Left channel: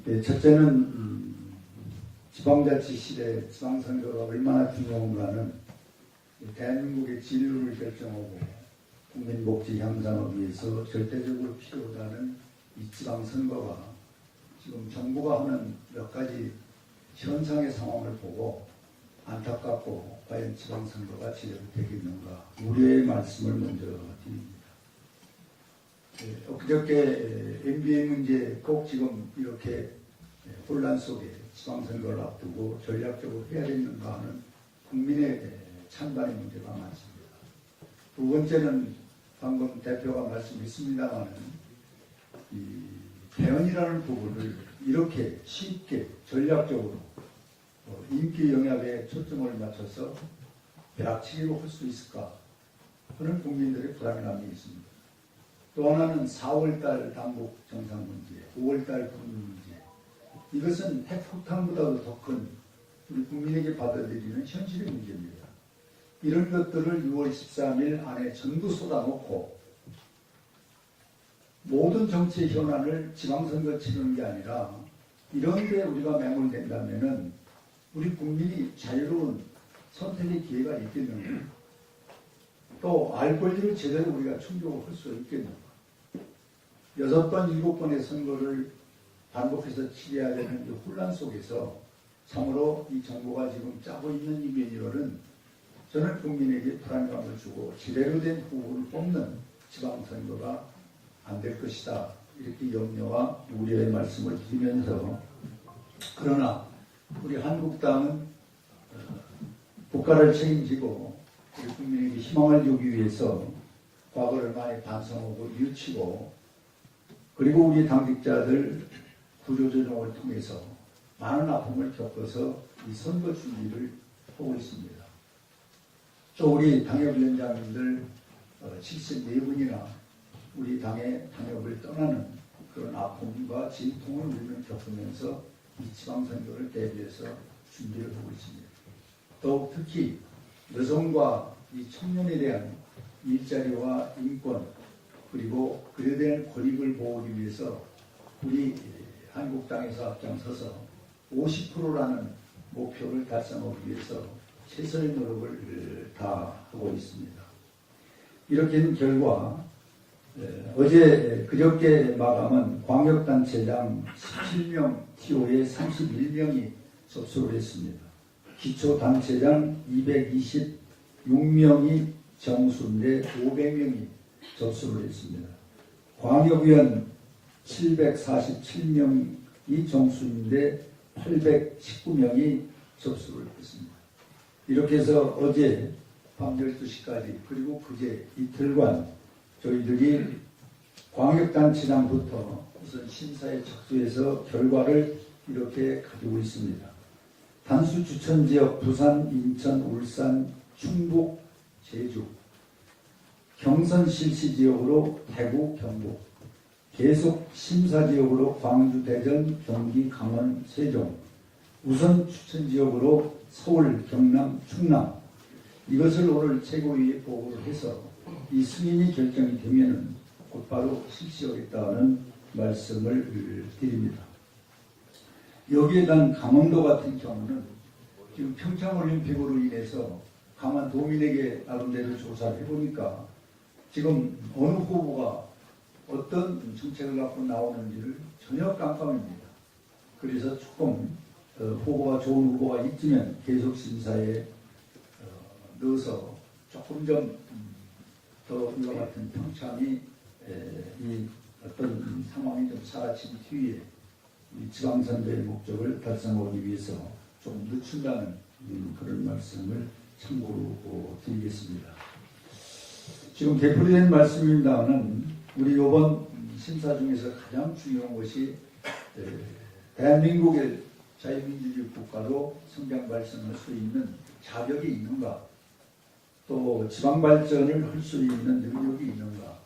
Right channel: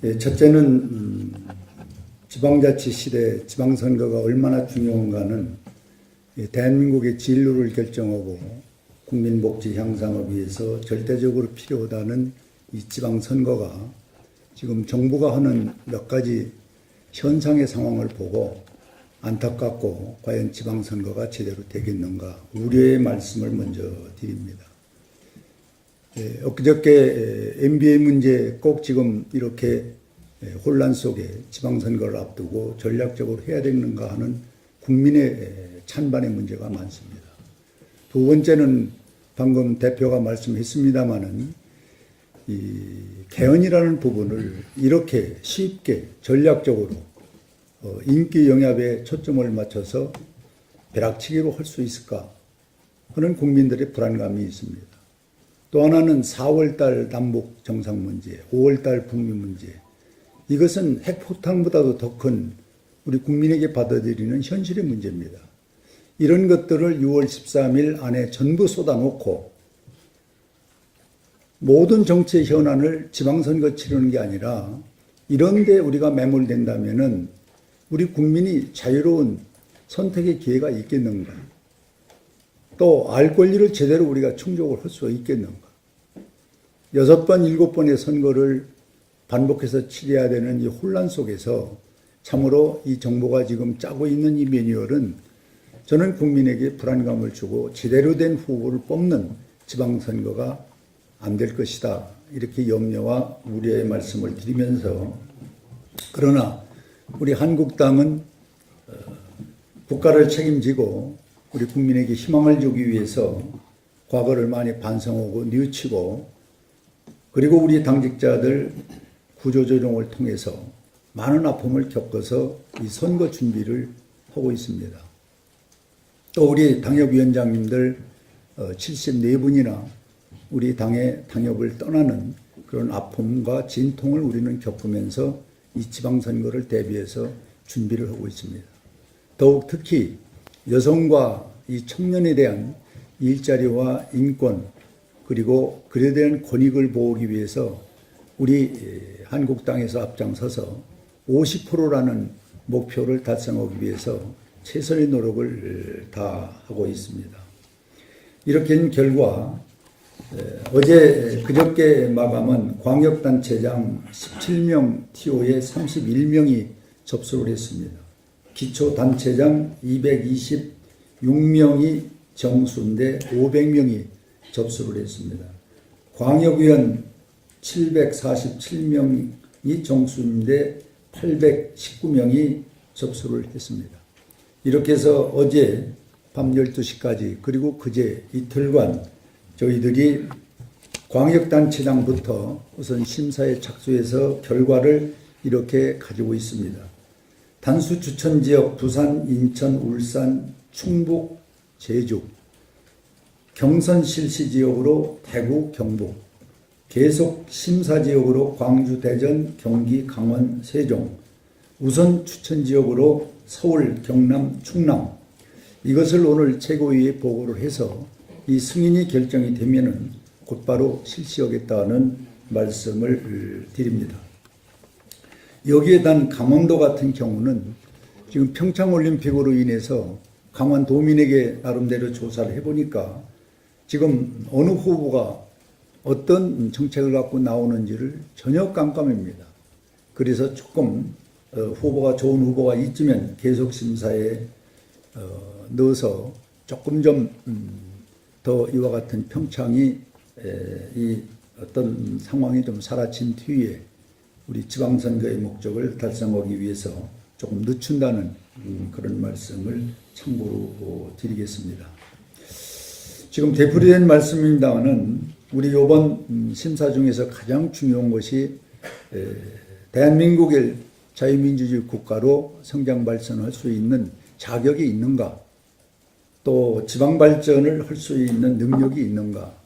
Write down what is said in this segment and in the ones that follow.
첫째는 지방자치 시대 지방선거가 얼마나 중요한가는 대한민국의 진로를 결정하고 국민 복지 향상을 위해서 절대적으로 필요하다는 이 지방선거가 지금 정부가 하는 몇 가지 현상의 상황을 보고 안타깝고 과연 지방선거가 제대로 되겠는가 우려의 말씀을 먼저 드립니다. 엊그저께 MBA 문제 꼭 지금 이렇게 혼란 속에 지방선거를 앞두고 전략적으로 해야 되는가 하는 국민의 찬반의 문제가 많습니다. 두 번째는 방금 대표가 말씀했습니다마는 이 개헌이라는 부분을 이렇게 쉽게 전략적으로 인기 영합에 초점을 맞춰서 벼락치기로 할 수 있을까 하는 국민들의 불안감이 있습니다. 또 하나는 4월달 남북 정상 문제, 5월달 북미 문제. 이것은 핵폭탄보다도 더 큰 우리 국민에게 받아들이는 현실의 문제입니다. 이런 것들을 6월 13일 안에 전부 쏟아놓고 모든 정치의 현안을 지방선거 치르는 게 아니라 이런 데 우리가 매몰된다면은 우리 국민이 자유로운 선택의 기회가 있겠는가? 또 알 권리를 제대로 우리가 충족을 할 수가 있겠는가? 6번, 7번의 선거를 반복해서 치러야 되는 이 혼란 속에서 참으로 이 정부가 지금 짜고 있는 이 매뉴얼은 저는 국민에게 불안감을 주고 제대로 된 후보를 뽑는 지방선거가 안 될 것이다. 이렇게 염려와 우려의 말씀을 드리면서 그러나 우리 한국당은 국가를 책임지고 우리 국민에게 희망을 주기 위해서 과거를 많이 반성하고 뉘우치고 그리고 우리 당직자들 구조조정을 통해서 많은 아픔을 겪어서 이 선거 준비를 하고 있습니다. 또 우리 당협위원장님들 74분이나 우리 당의 당협을 떠나는 그런 아픔과 진통을 우리는 겪으면서 이 지방선거를 대비해서 준비를 하고 있습니다. 더욱 특히 여성과 이 청년에 대한 일자리와 인권 그리고 그에 대한 권익을 보호하기 위해서 우리 한국당에서 앞장서서 50%라는 목표를 달성하기 위해서 최선의 노력을 다하고 있습니다. 이렇게 된 결과 어제 그저께 마감한 광역단체장 17명 TO에 31명이 접수를 했습니다. 기초단체장 226명이 정수인데 500명이 접수를 했습니다. 광역위원 747명이 정수인데 819명이 접수를 했습니다. 이렇게 해서 어제 밤 12시까지 그리고 그제 이틀간 저희들이 광역단체장부터 우선 심사에 착수해서 결과를 이렇게 가지고 있습니다. 단수 추천지역 부산, 인천, 울산, 충북, 제주, 경선 실시지역으로 대구, 경북, 계속 심사지역으로 광주, 대전, 경기, 강원, 세종, 우선 추천지역으로 서울, 경남, 충남 이것을 오늘 최고위에 보고를 해서 이 승인이 결정이 되면은 곧바로 실시하겠다는 말씀을 드립니다. 여기에 단 강원도 같은 경우는 지금 평창올림픽으로 인해서 강원도민에게 나름대로 조사를 해보니까 지금 어느 후보가 어떤 정책을 갖고 나오는지를 전혀 깜깜합니다. 그래서 조금 후보가 좋은 후보가 있으면 계속 심사에 넣어서 조금 좀 더 이와 같은 평창이 이 어떤 상황이 좀 사라진 뒤에 우리 지방선거의 목적을 달성하기 위해서 조금 늦춘다는 그런 말씀을 참고로 드리겠습니다. 지금 되풀이된 말씀입니다만 우리 이번 심사 중에서 가장 중요한 것이 대한민국의 자유민주주의 국가로 성장 발전할 수 있는 자격이 있는가, 또 지방 발전을 할 수 있는 능력이 있는가,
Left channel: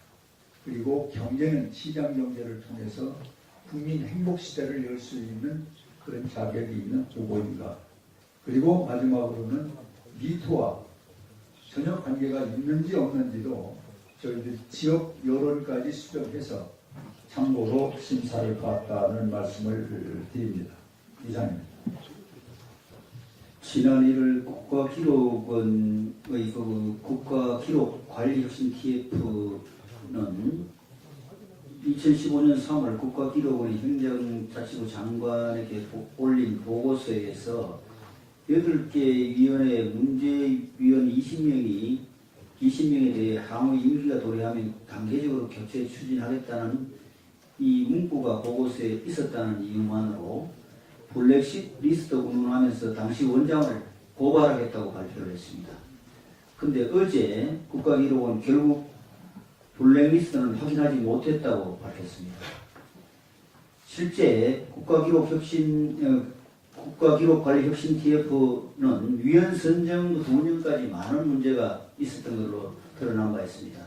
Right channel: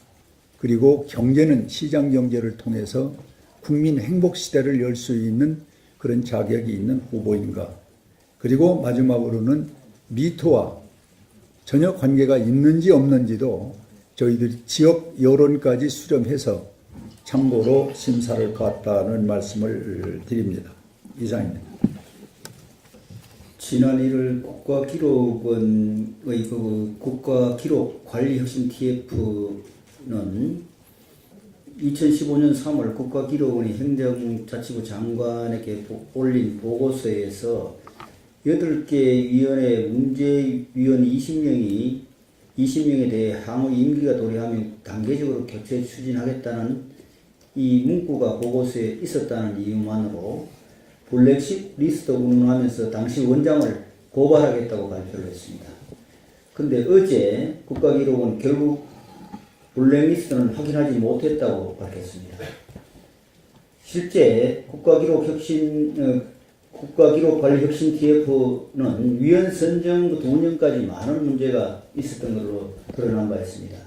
그리고 경제는 시장 경제를 통해서 국민 행복 시대를 열 수 있는 그런 자격이 있는 후보인가, 그리고 마지막으로는 미토와 전혀 관계가 있는지 없는지도 저희들이 지역 여론까지 수렴해서 참고로 심사를 갖다는 말씀을 드립니다. 이상입니다. 지난 1월 국가기록원의 그 국가기록관리혁신 TF는 2015년 3월 국가기록원의 행정자치부 장관에게 올린 보고서에서 8개 위원회 문제위원 20명에 대해 향후 임기가 도래하면 단계적으로 격제 추진하겠다는 이 문구가 보고서에 있었다는 이유만으로 블랙리스트 운운하면서 당시 원장을 고발하겠다고 발표를 했습니다. 근데 어제 국가기록원 결국 블랙리스트는 확인하지 못했다고 밝혔습니다. 실제 국가기록관리혁신 TF는 위원 선정부터 운영까지 많은 문제가 있었던 것으로 드러난 바 있습니다.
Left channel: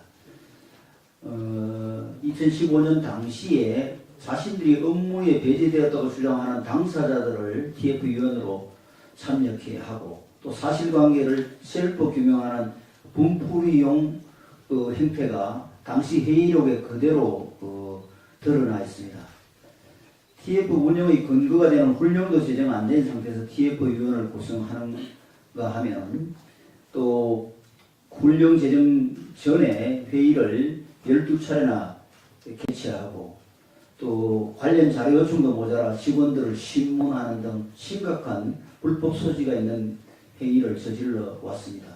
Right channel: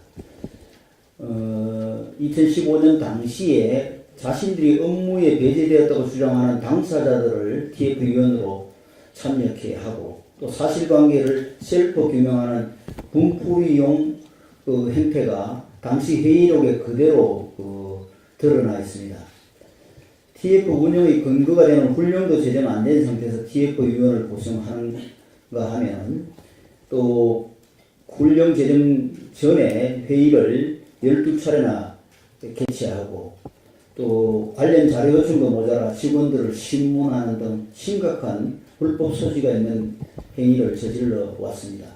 2015년 당시에 자신들이 업무에 배제되었다고 주장하는 당사자들을 TF위원으로 참여케 하고 또 사실관계를 셀프 규명하는 분풀이용 행태가 당시 회의록에 그대로 드러나 있습니다. TF 운영의 근거가 되는 훈련도 제대로 안 된 상태에서 TF위원을 구성하는가 하면 또 훈련 제정 전에 회의를 12차례나 개최하고 또 관련 자료 요청도 모자라 직원들을 신문하는 등 심각한 불법 소지가 있는 행위를 저질러 왔습니다.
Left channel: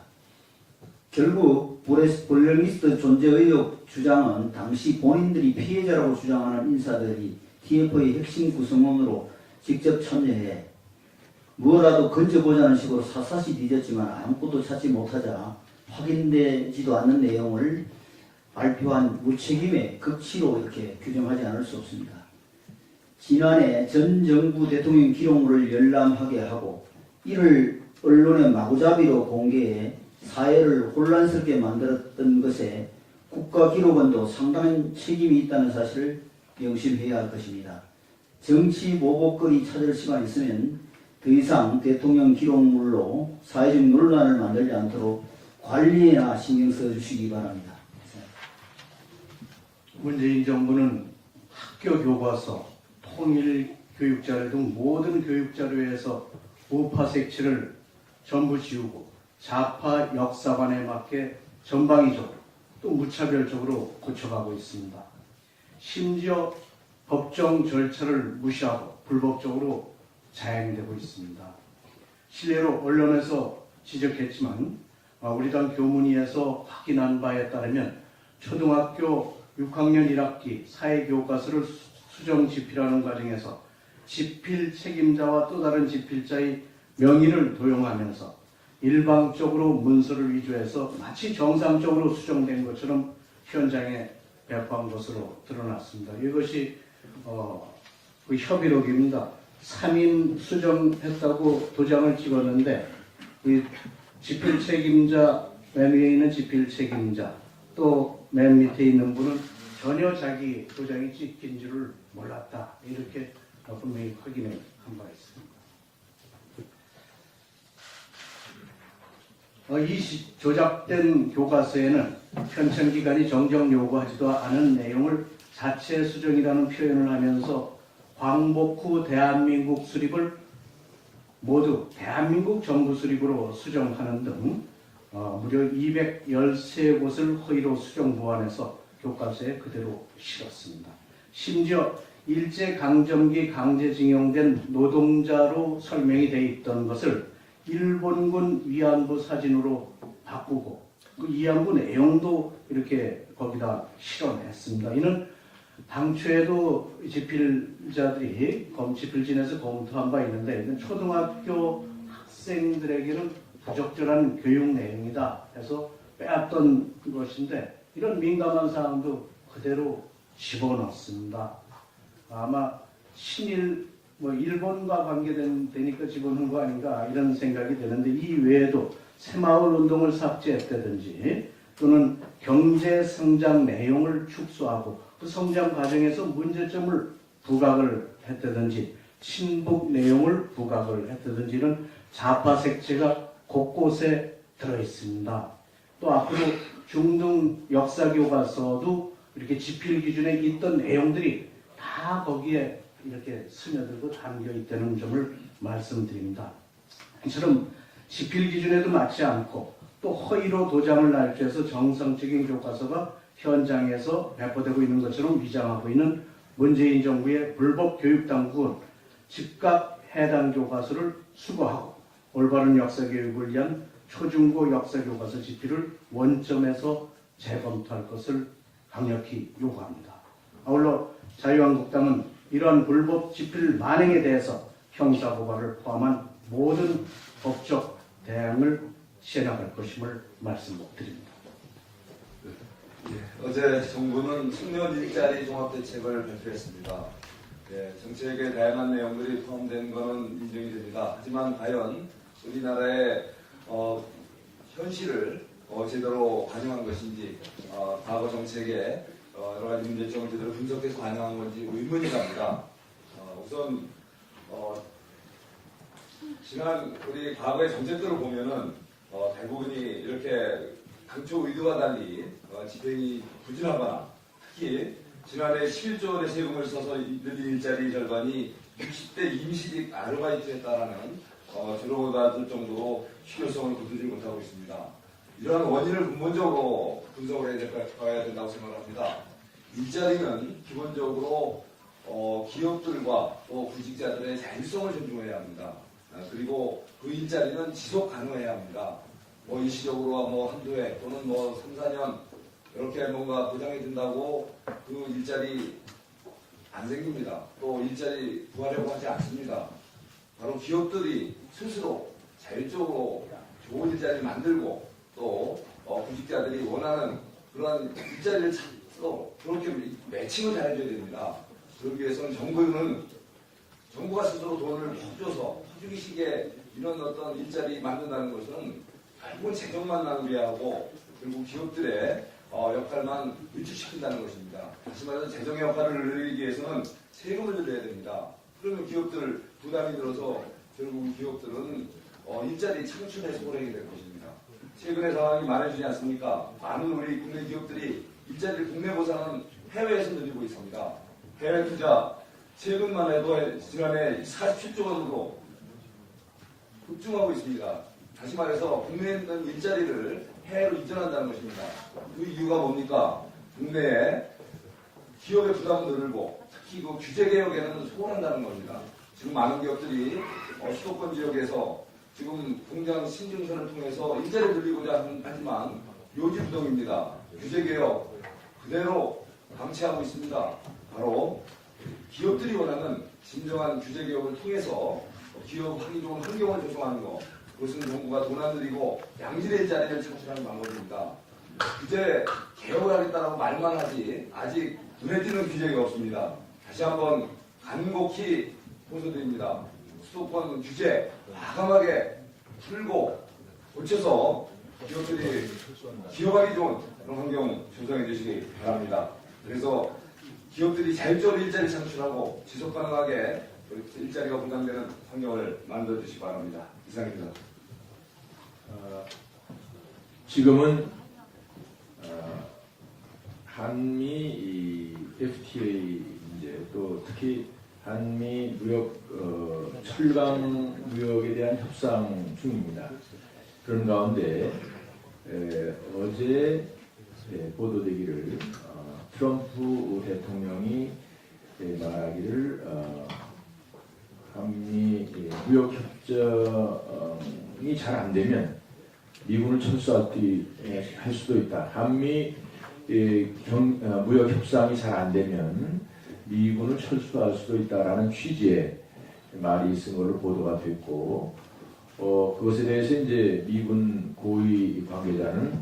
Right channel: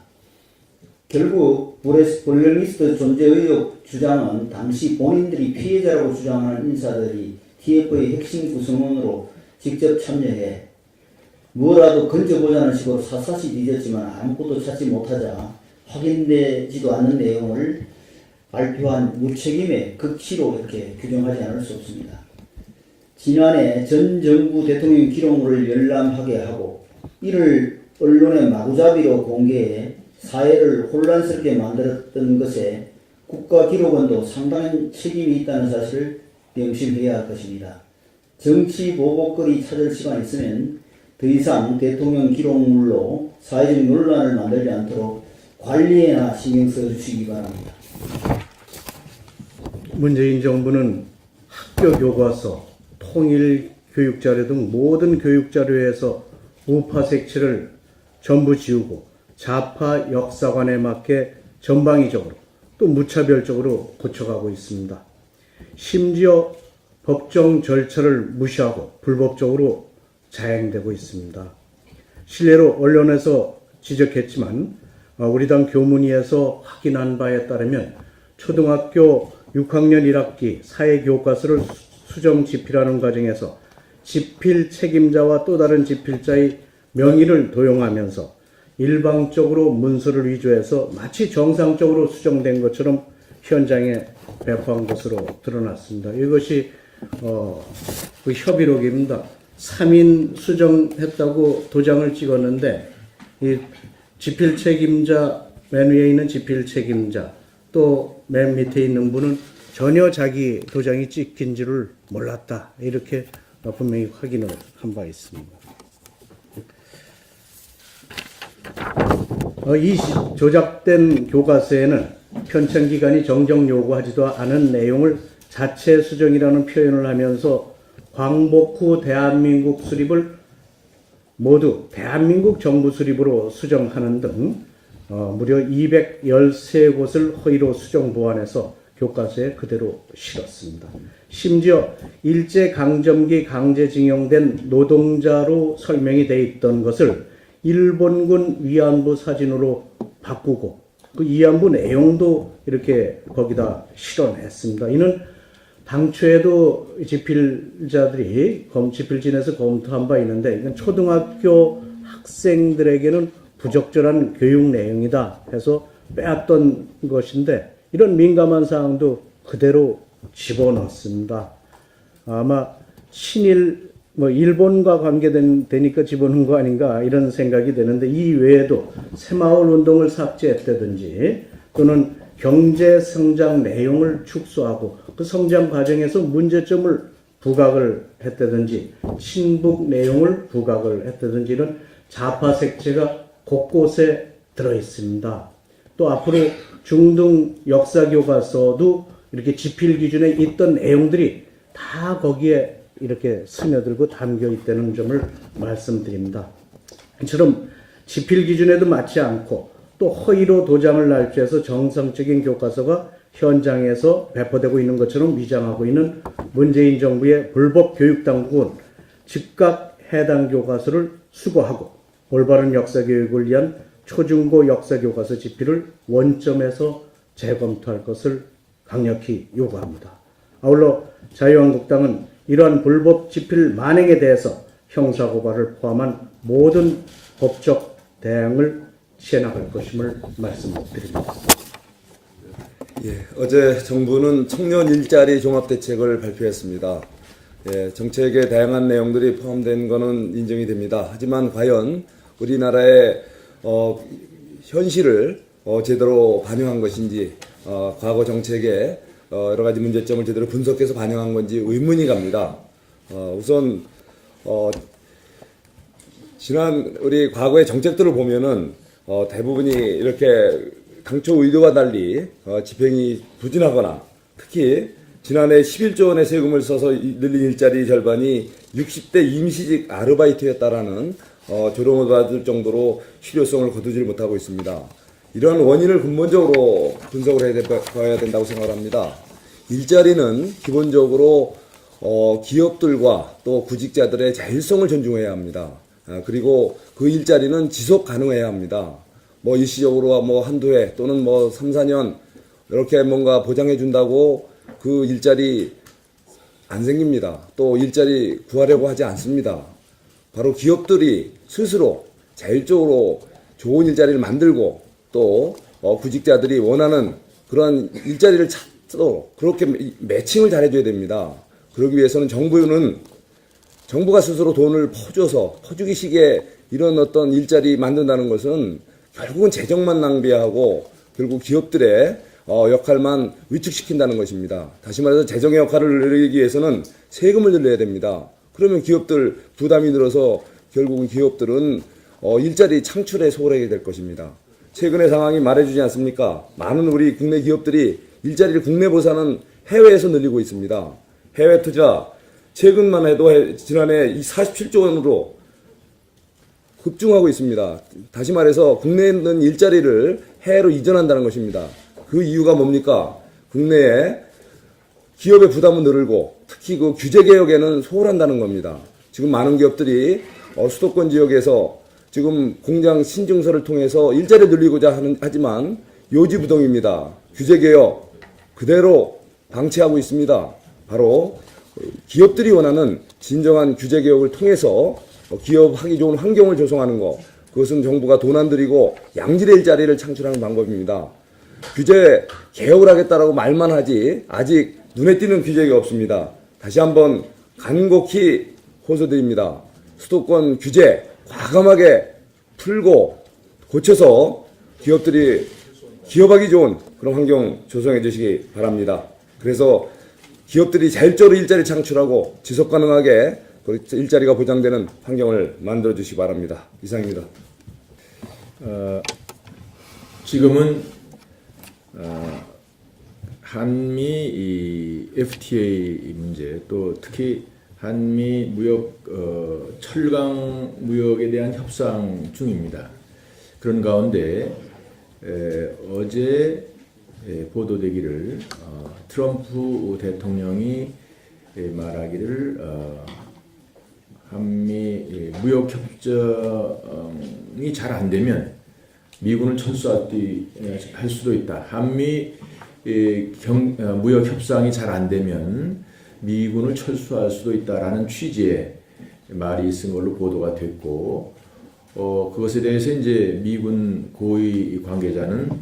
결국 블랙리스트 존재 의혹 주장은 당시 본인들이 피해자라고 주장하는 인사들이 TF의 핵심 구성원으로 직접 참여해 무엇라도 건져보자는 식으로 샅샅이 뒤졌지만 아무것도 찾지 못하자 확인되지도 않는 내용을 발표한 무책임의 극치로 이렇게 규정하지 않을 수 없습니다. 지난해 전 정부 대통령 기록물을 열람하게 하고 이를 언론에 마구잡이로 공개해 사회를 혼란스럽게 만들었던 것에 국가기록원도 상당한 책임이 있다는 사실을 명심해야 할 것입니다. 정치 보복거리 찾을 시간 있으면 더 이상 대통령 기록물로 사회적 논란을 만들지 않도록 관리에나 신경 써주시기 바랍니다. 문재인 정부는 학교 교과서, 통일 교육자료 등 모든 교육자료에서 우파 색채를 전부 지우고 좌파 역사관에 맞게 전방위적으로 또 무차별적으로 고쳐가고 있습니다. 심지어 법정 절차를 무시하고 불법적으로 자행되고 있습니다. 실례로 언론에서 지적했지만 우리 당 교문위에서 확인한 바에 따르면 초등학교 6학년 1학기 사회교과서를 수정 집필하는 과정에서 집필 책임자와 또 다른 집필자의 명의를 도용하면서 일방적으로 문서를 위조해서 마치 정상적으로 수정된 것처럼 현장에 배포한 것으로 드러났습니다. 이것이 그 협의록입니다. 3인 수정했다고 도장을 찍었는데 이 집필 책임자, 맨 위에 있는 집필 책임자, 또 맨 밑에 있는 분은 전혀 자기 도장이 찍힌 줄을 몰랐다. 이렇게 분명히 확인을 한 바 있습니다. 이 조작된 교과서에는 편찬기관이 정정 요구하지도 않은 내용을 자체 수정이라는 표현을 하면서 광복 후 대한민국 수립을 모두 대한민국 정부 수립으로 수정하는 등 무려 213곳을 허위로 수정 보완해서 교과서에 그대로 실었습니다. 심지어 일제강점기 강제징용된 노동자로 설명이 돼 있던 것을 일본군 위안부 사진으로 바꾸고 그 위안부 내용도 이렇게 거기다 실어냈습니다. 이는 당초에도 집필자들이 집필진에서 검토한 바 있는데 이건 초등학교 학생들에게는 부적절한 교육 내용이다 해서 빼앗던 것인데 이런 민감한 사항도 그대로 집어넣습니다. 아마 친일 일본과 관계되니까 집어넣은 거 아닌가 이런 생각이 되는데 이 외에도 새마을 운동을 삭제했다든지 또는 경제 성장 내용을 축소하고 그 성장 과정에서 문제점을 부각을 했다든지 친북 내용을 부각을 했다든지 이런 좌파 색채가 곳곳에 들어있습니다. 또 앞으로 중등 역사 교과서도 이렇게 지필 기준에 있던 내용들이 다 거기에 이렇게 스며들고 담겨 있다는 점을 말씀드립니다. 이처럼 지필 기준에도 맞지 않고 또 허위로 도장을 날조해서 정상적인 교과서가 현장에서 배포되고 있는 것처럼 위장하고 있는 문재인 정부의 불법 교육 당국은 즉각 해당 교과서를 수거하고 올바른 역사 교육을 위한 초중고 역사 교과서 집필을 원점에서 재검토할 것을 강력히 요구합니다. 아울러 자유한국당은 이러한 불법 집필 만행에 대해서 형사고발을 포함한 모든 법적 대응을 취해나갈 것임을 말씀드립니다. 예, 어제 정부는 청년 일자리 종합대책을 발표했습니다. 예, 정책에 다양한 내용들이 포함된 것은 인정이 됩니다. 하지만 과연 우리나라의 현실을 제대로 반영한 것인지, 과거 정책의 여러 가지 문제점을 제대로 분석해서 반영한 건지 의문이 갑니다. 우선 지난 우리 과거의 정책들을 보면은 대부분이 이렇게 당초 의도와 달리 집행이 부진하거나, 특히 지난해 11조 원의 세금을 써서 늘린 일자리 절반이 60대 임시직 아르바이트였다라는 조롱을 받을 정도로 실효성을 거두지 못하고 있습니다. 이런 원인을 근본적으로 분석을 해야 된다고 생각합니다. 일자리는 기본적으로 기업들과 또 구직자들의 자율성을 존중해야 합니다. 그리고 그 일자리는 지속 가능해야 합니다. 뭐 일시적으로 뭐 한두 해 또는 뭐 3, 4년 이렇게 뭔가 보장해 준다고 그 일자리 안 생깁니다. 또 일자리 구하려고 하지 않습니다. 바로 기업들이 스스로 자율적으로 좋은 일자리를 만들고 또 구직자들이 원하는 그런 일자리를 찾도록 그렇게 매칭을 잘해줘야 됩니다. 그러기 위해서는 정부가 스스로 돈을 퍼주기식의 이런 어떤 일자리 만든다는 것은 결국은 재정만 낭비하고 결국 기업들의 역할만 위축시킨다는 것입니다. 다시 말해서 재정의 역할을 늘리기 위해서는 세금을 늘려야 됩니다. 그러면 기업들 부담이 늘어서 결국은 기업들은 일자리 창출에 소홀하게 될 것입니다. 최근의 상황이 말해주지 않습니까? 많은 우리 국내 기업들이 일자리를 국내보다는 해외에서 늘리고 있습니다. 해외 투자 최근만 해도 지난해 47조 원으로 급증하고 있습니다. 다시 말해서 국내에 있는 일자리를 해외로 이전한다는 것입니다. 그 이유가 뭡니까? 국내에 기업의 부담은 늘고 특히 그 규제 개혁에는 소홀한다는 겁니다. 지금 많은 기업들이 수도권 지역에서 지금 공장 신증서를 통해서 일자리를 늘리고자 하지만 요지부동입니다. 규제 개혁 그대로 방치하고 있습니다. 바로 기업들이 원하는 진정한 규제 개혁을 통해서 기업하기 좋은 환경을 조성하는 것, 그것은 정부가 돈 안 들이고 양질의 일자리를 창출하는 방법입니다. 규제 개혁을 하겠다라고 말만 하지 아직 눈에 띄는 규제가 없습니다. 다시 한번 간곡히 호소드립니다. 수도권 규제 과감하게 풀고 고쳐서 기업들이 기업하기 좋은 그런 환경 조성해 주시기 바랍니다. 그래서 기업들이 자율적으로 일자리 창출하고 지속 가능하게 일자리가 보장되는 환경을 만들어 주시기 바랍니다. 이상입니다. 지금은 한미 이 FTA 문제 또 특히 한미 무역 철강 무역에 대한 협상 중입니다. 그런 가운데 어제 보도되기를 트럼프 대통령이 말하기를 한미 무역 협정이 잘 안 되면 미군을 철수할 수도 있다. 한미 무역 협상이 잘 안 되면 미군을 철수할 수도 있다라는 취지의 말이 있은 걸로 보도가 됐고, 그것에 대해서 이제 미군 고위 관계자는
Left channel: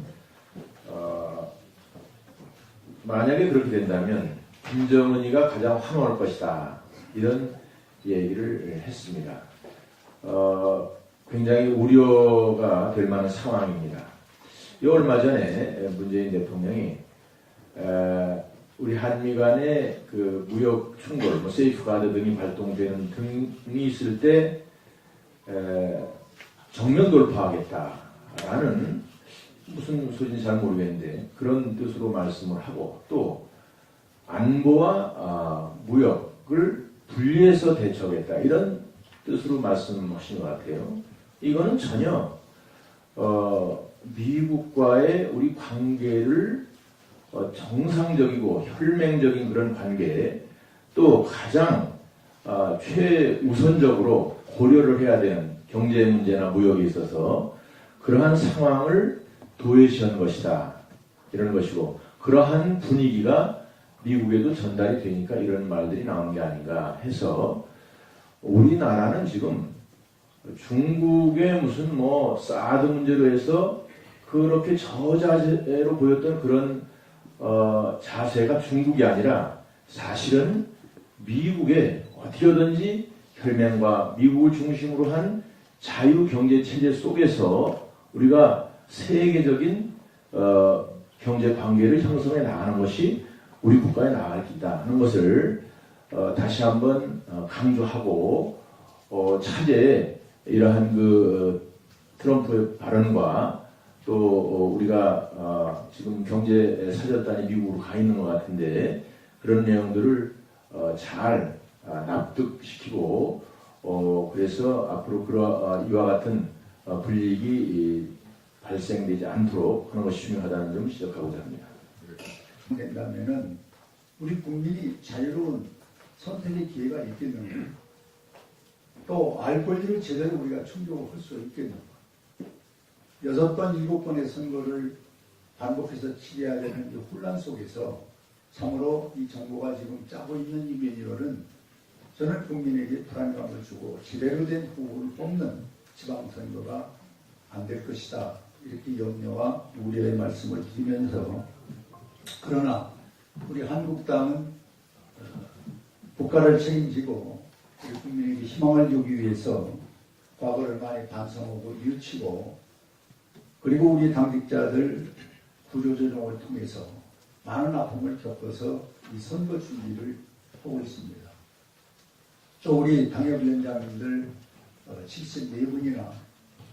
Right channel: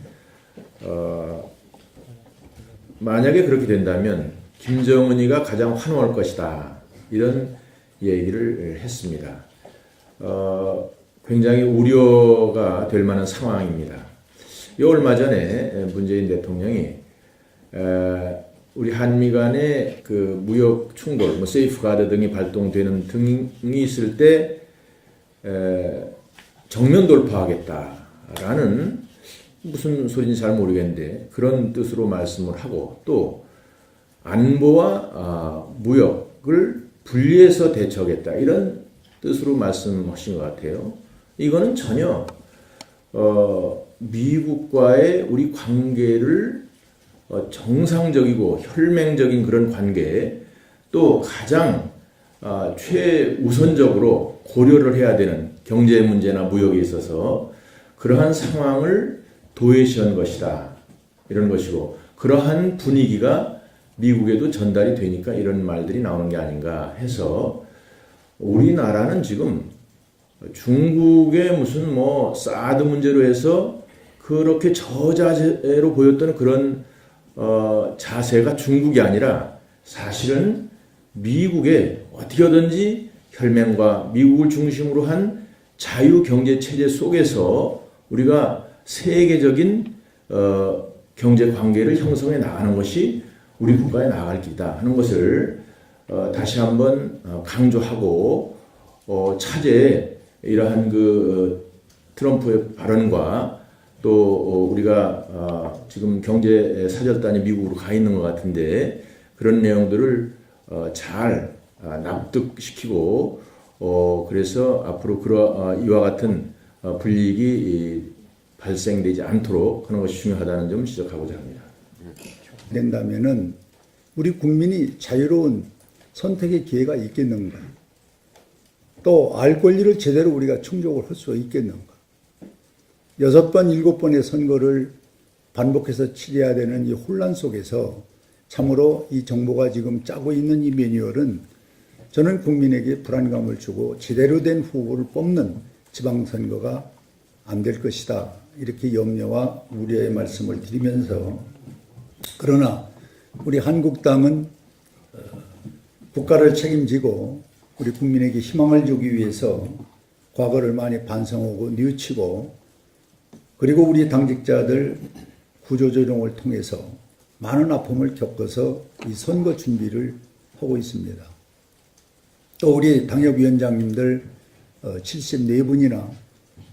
만약에 그렇게 된다면 김정은이가 가장 환호할 것이다. 이런 얘기를 했습니다. 굉장히 우려가 될 만한 상황입니다. 얼마 전에 문재인 대통령이 우리 한미 간의 그 무역 충돌, 세이프가드 등이 발동되는 등이 있을 때 정면 돌파하겠다라는 무슨 소리인지 잘 모르겠는데 그런 뜻으로 말씀을 하고 또 안보와 무역을 분리해서 대처하겠다 이런 뜻으로 말씀하신 것 같아요. 이거는 전혀 미국과의 우리 관계를 정상적이고 혈맹적인 그런 관계, 또 가장 최우선적으로 고려를 해야 되는 경제 문제나 무역에 있어서 그러한 상황을 도외시한 것이다 이런 것이고, 그러한 분위기가 미국에도 전달이 되니까 이런 말들이 나오는 게 아닌가 해서, 우리나라는 지금 중국의 무슨 뭐 사드 문제로 해서 그렇게 저자세로 보였던 그런 자세가 중국이 아니라 사실은 미국의 어떻게든지 혈맹과 미국을 중심으로 한 자유 경제 체제 속에서 우리가 세계적인 경제 관계를 형성해 나가는 것이 우리 국가에 나갈 길이다 하는 것을 다시 한번 강조하고, 차제에 이러한 트럼프의 발언과 또 우리가 지금 경제 사절단이 미국으로 가 있는 것 같은데 그런 내용들을 잘 납득시키고, 그래서 앞으로 이와 같은 불이익이 발생되지 않도록 그런 것이 중요하다는 점 지적하고자 합니다. 된다면은 우리 국민이 자유로운 선택의 기회가 있겠는가? 또 알 권리를 제대로 우리가 충족을 할 수 있겠는가? 6번, 7번의 선거를 반복해서 치러야 되는 이 혼란 속에서 참으로 이 정부가 지금 짜고 있는 이 매뉴얼은 저는 국민에게 불안감을 주고 제대로 된 후보를 뽑는 지방선거가 안 될 것이다. 이렇게 염려와 우려의 말씀을 드리면서, 그러나 우리 한국당은 국가를 책임지고 우리 국민에게 희망을 주기 위해서 과거를 많이 반성하고 뉘우치고, 그리고 우리 당직자들 구조조정을 통해서 많은 아픔을 겪어서 이 선거 준비를 하고 있습니다. 또 우리 당협위원장님들 74분이나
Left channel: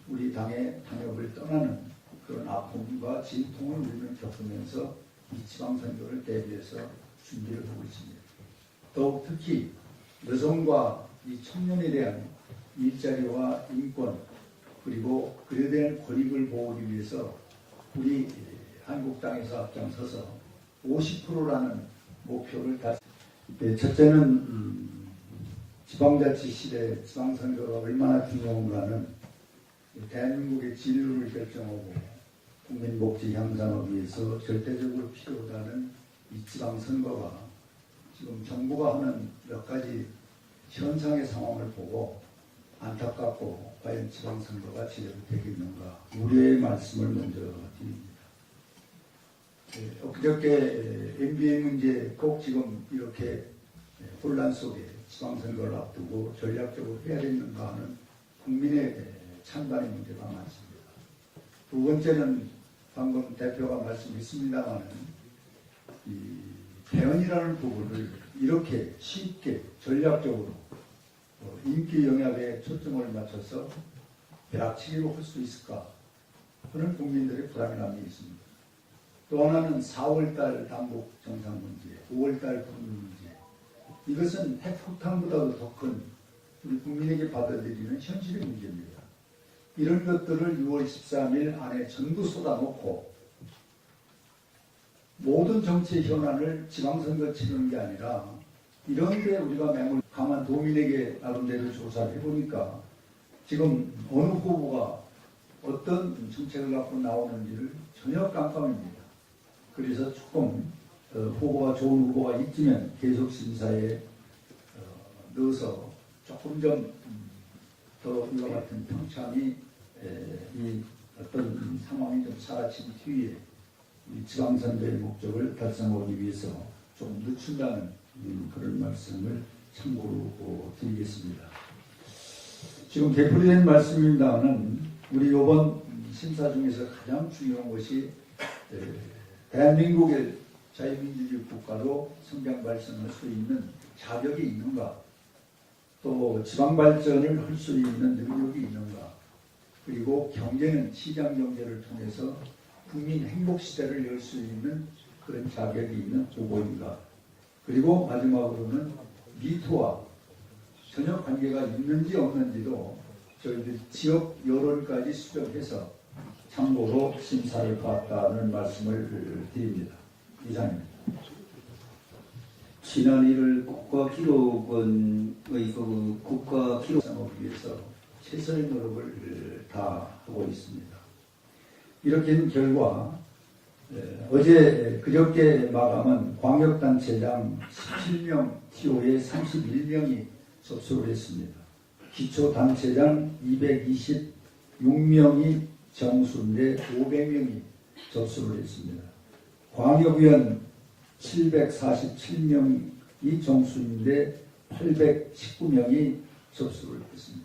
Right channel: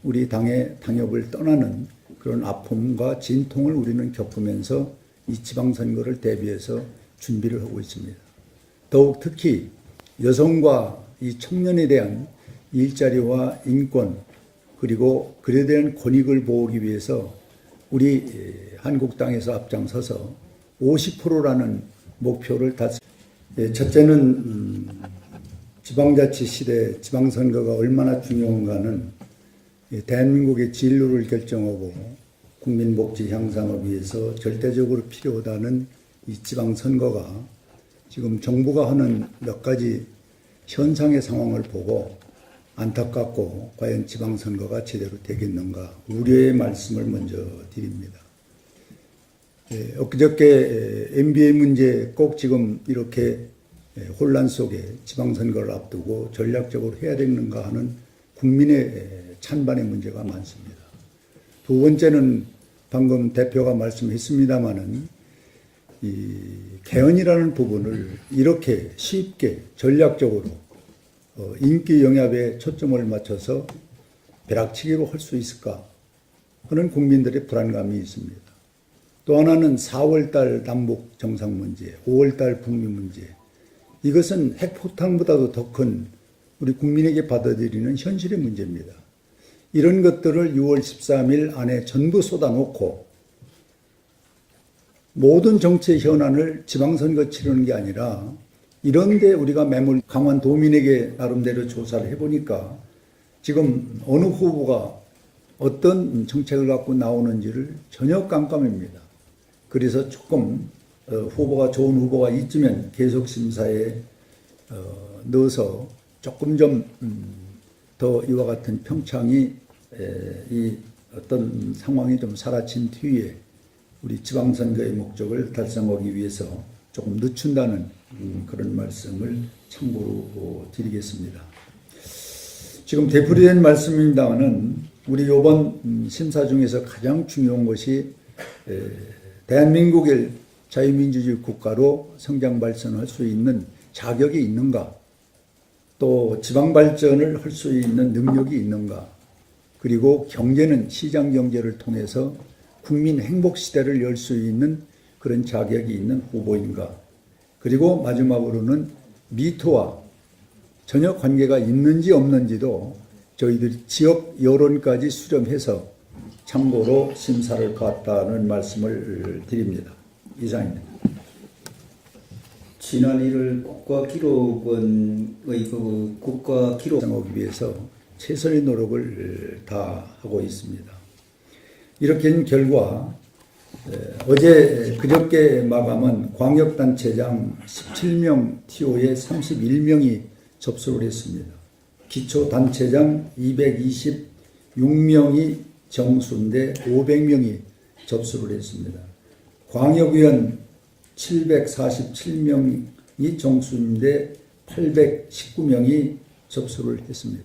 우리 당의 당협을 떠나는 그런 아픔과 진통을 우리는 겪으면서 이 지방선거를 대비해서 준비를 하고 있습니다. 더욱 특히 여성과 이 청년에 대한 일자리와 인권, 그리고 그에 대한 권익을 보호하기 위해서 우리 한국당에서 앞장서서 50%라는 목표를 첫째는 지방자치 시대 지방선거가 얼마나 중요한가는 대한민국의 진로를 결정하고 국민 복지 향상을 위해서 절대적으로 필요하다는 이 지방선거가 지금 정부가 하는 몇 가지 현상의 상황을 보고 안타깝고 과연 지방선거가 제대로 되겠는가 우려의 말씀을 먼저 드립니다. 엊그저께 MBA 문제 꼭 지금 이렇게 혼란 속에 지방선거를 앞두고 전략적으로 해야 되는가 하는 국민의 찬반의 문제가 많습니다. 두 번째는 방금 대표가 말씀했습니다마는 이 개헌이라는 부분을 이렇게 쉽게 전략적으로 인기 영합에 초점을 맞춰서 벼락치기로 할 수 있을까 하는 국민들의 불안감이 있습니다. 또 하나는 4월달 남북 정상 문제, 5월달 북미 문제, 이것은 핵폭탄보다도 더 큰 우리 국민에게 받아들이는 현실의 문제입니다. 이런 것들을 6월 13일 안에 전부 쏟아놓고 모든 정치의 현안을 지방선거 치르는 게 아니라 이런데 우리가 매몰 강한 도민에게 나름대로 조사를 해보니까 지금 어느 후보가 어떤 정책을 갖고 나오는지를 전혀 깜깜합니다. 그래서 조금 후보가 좋은 후보가 있으면 계속 심사에 넣어서 조금 좀 더 이와 같은 평창이 이 어떤 상황이 좀 사라진 뒤에 우리 지방선거의 목적을 달성하기 위해서 조금 늦춘다는 그런 말씀을 참고로 드리겠습니다. 지금 되풀이된 말씀입니다는 우리 이번 심사 중에서 가장 중요한 것이 대한민국의 자유민주주의 국가로 성장 발전할 수 있는 자격이 있는가, 또 지방 발전을 할 수 있는 능력이 있는가, 그리고 경제는 시장 경제를 통해서 국민 행복 시대를 열 수 있는 그런 자격이 있는 후보인가, 그리고 마지막으로는 미토와 전혀 관계가 있는지 없는지도 저희들이 지역 여론까지 수렴해서 참고로 심사를 가했다는 말씀을 드립니다. 이상입니다. 지난 1월 국가기록원의 국가기록 하기 위해서 최선의 노력을 다하고 있습니다. 이렇게 된 결과 어제 그저께 마감한 광역단체장 17명 TO에 31명이 접수를 했습니다. 기초단체장 226명이 정수인데 500명이 접수를 했습니다. 광역위원 747명이 정수인데 819명이 접수를 했습니다.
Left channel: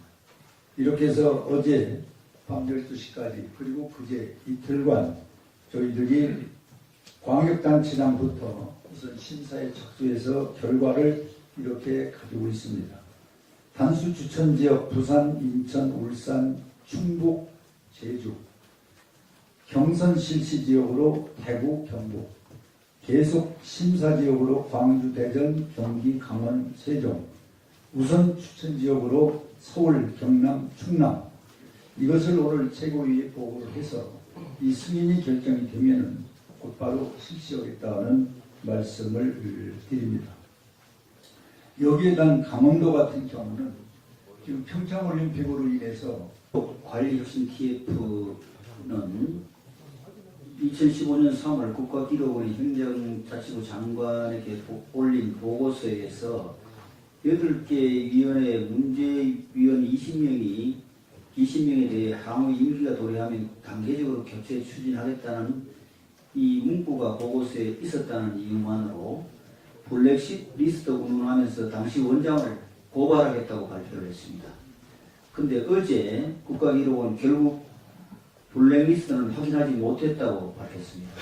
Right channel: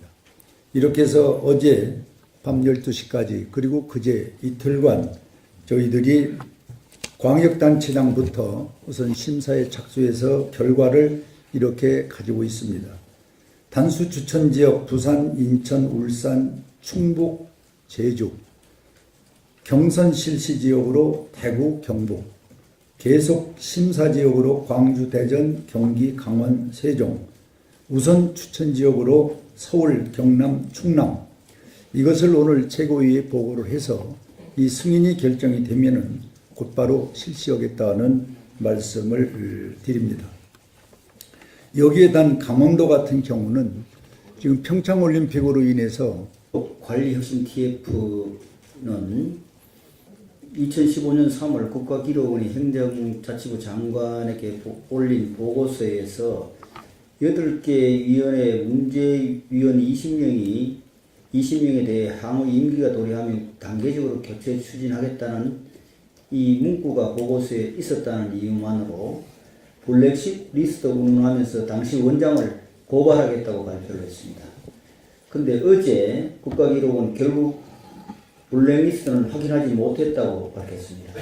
이렇게 해서 어제 밤 12시까지 그리고 그제 이틀간 저희들이 광역단체장부터 우선 심사에 착수해서 결과를 이렇게 가지고 있습니다. 단수 추천지역 부산, 인천, 울산, 충북, 제주, 경선 실시지역으로 대구, 경북, 계속 심사지역으로 광주, 대전, 경기, 강원, 세종, 우선 추천지역으로 서울, 경남, 충남, 이것을 오늘 최고위에 보고를 해서 이 승인이 결정이 되면은 곧바로 실시하겠다는 말씀을 드립니다. 여기에 단 강원도 같은 경우는 지금 평창올림픽으로 인해서 관리혁신 TF는 2015년 3월 국가기록원의 행정자치부 장관에게 올린 보고서에서 8개 위원회 문제위원 20명에 대해 향후 임기가 도래하며 단계적으로 교체 추진하겠다는 이 문구가 보고서에 있었다는 이유만으로 블랙리스트 운운하면서 당시 원장을 고발하겠다고 발표를 했습니다. 근데 어제 국가기록원 결국 블랙리스트는 확인하지 못했다고 밝혔습니다.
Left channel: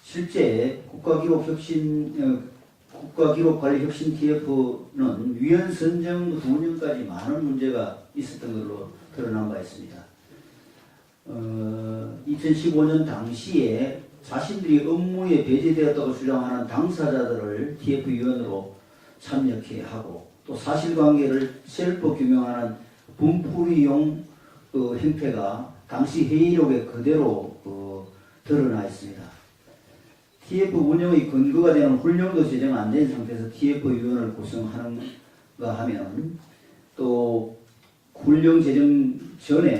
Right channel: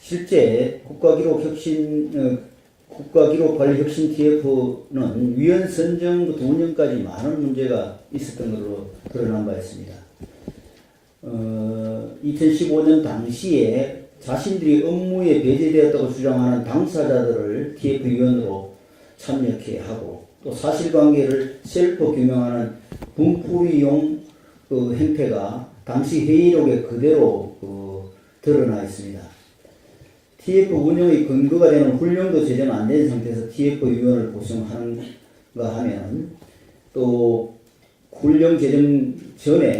실제 국가기록관리혁신 TF는 위원 선정부터 운영까지 많은 문제가 있었던 것으로 드러난 바 있습니다. 2015년 당시에 자신들이 업무에 배제되었다고 주장하는 당사자들을 TF위원으로 참여케 하고 또 사실관계를 셀프 규명하는 분풀이용 행태가 당시 회의록에 그대로 드러나 있습니다. TF 운영의 근거가 되는 훈련도 제대로 안 된 상태에서 TF위원을 구성하는가 하면 또 훈련 제정 전에